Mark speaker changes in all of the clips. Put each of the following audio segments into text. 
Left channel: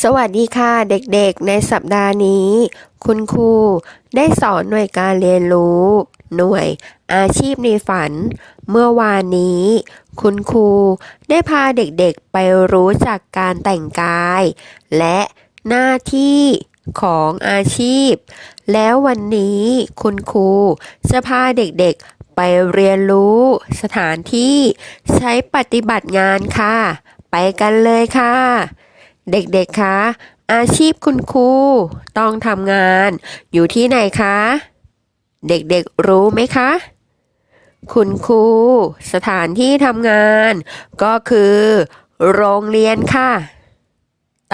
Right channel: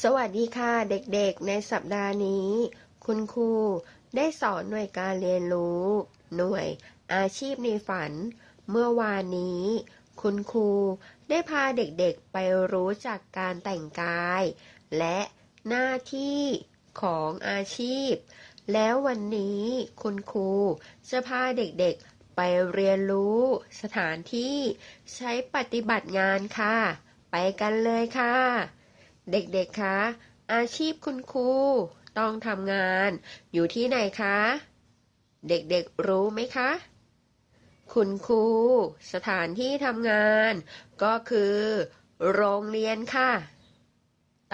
Speaker 1: สวัสดีค่ะเด็กๆ ในสัปดาห์นี้ คุณครูได้สอนหน่วยการเรียนรู้ หน่วยอาชีพในฝัน เมื่อวานนี้ คุณครูได้พาเด็กๆไปรู้จักการแต่งกาย และหน้าที่ของอาชีพ แล้ววันนี้คุณครูจะพาเด็กๆไปเรียนรู้สถานที่ใช้ปฏิบัติงานค่ะ ไปกันเลยค่ะ เด็กๆ คะ อาชีพคุณครูต้องทำงาน อยู่ที่ไหนคะ เด็กๆ รู้ไหมคะ คุณครูสถานที่ทำงาน ก็คือ โรงเรียนค่ะ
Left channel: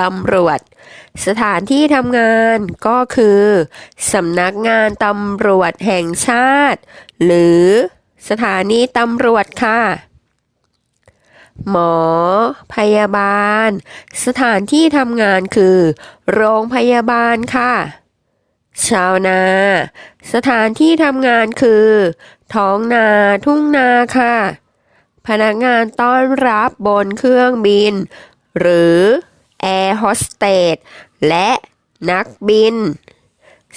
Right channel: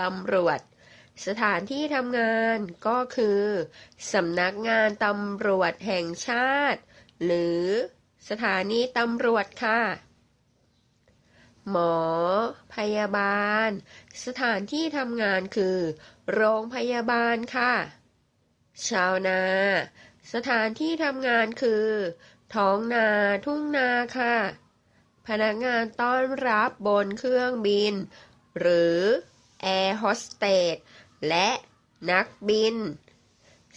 Speaker 1: ตำรวจ สถานที่ทำงานก็คือสำนักงานตำรวจแห่งชาติ หรือสถานีตำรวจค่ะ หมอ พยาบาล สถานที่ทำงานคือ โรงพยาบาลค่ะ ชาวนา สถานที่ทำงานคือ ท้องนาทุ่งนาค่ะ พนักงานต้อนรับบนเครื่องบิน หรือแอร์โฮสเตสและนักบิน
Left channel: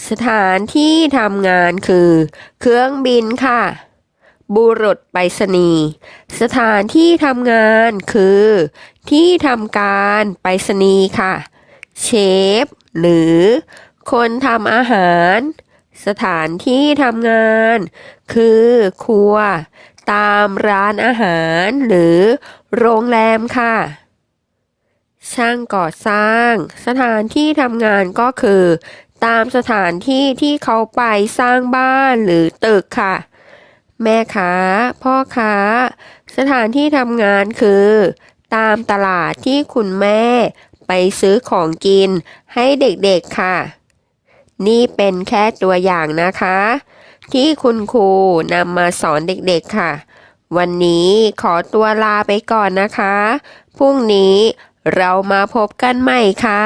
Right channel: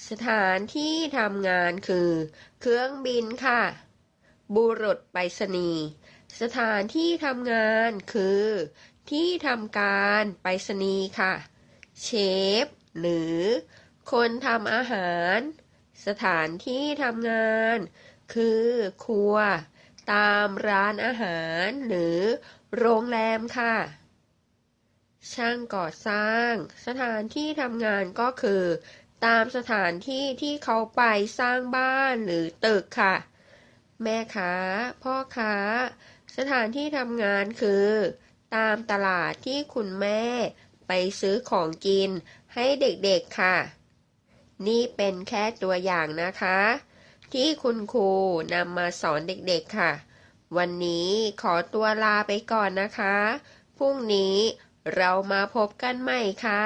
Speaker 1: สถานที่ทำงานคือ เครื่องบินค่ะ บุรุษไปรษณีย์สถานที่ทำงานคือ ที่ทำการไปรษณีย์ค่ะ เชฟ หรือ คนทำอาหาร สถานที่ทำงาน คือ ครัว ตามร้านอาหาร หรือ โรงแรมค่ะ ช่างก่อสร้าง สถานที่ทำงานก็คือ ตามสถานที่ที่เขาไปสร้างบ้านหรือตึกค่ะ แม่ค้า พ่อค้า สถานที่ทำงานคือ ตามตลาดที่คุณแม่ไปซื้อของกินให้เด็กๆค่ะ นี่เป็นแค่ตัวอย่างนะคะ ที่คุณครูนำมาสอนเด็กๆค่ะ วันนี้ขอตัวลาไปก่อนนะคะ พรุ่งนี้เรามาพบกันใหม่ค่ะ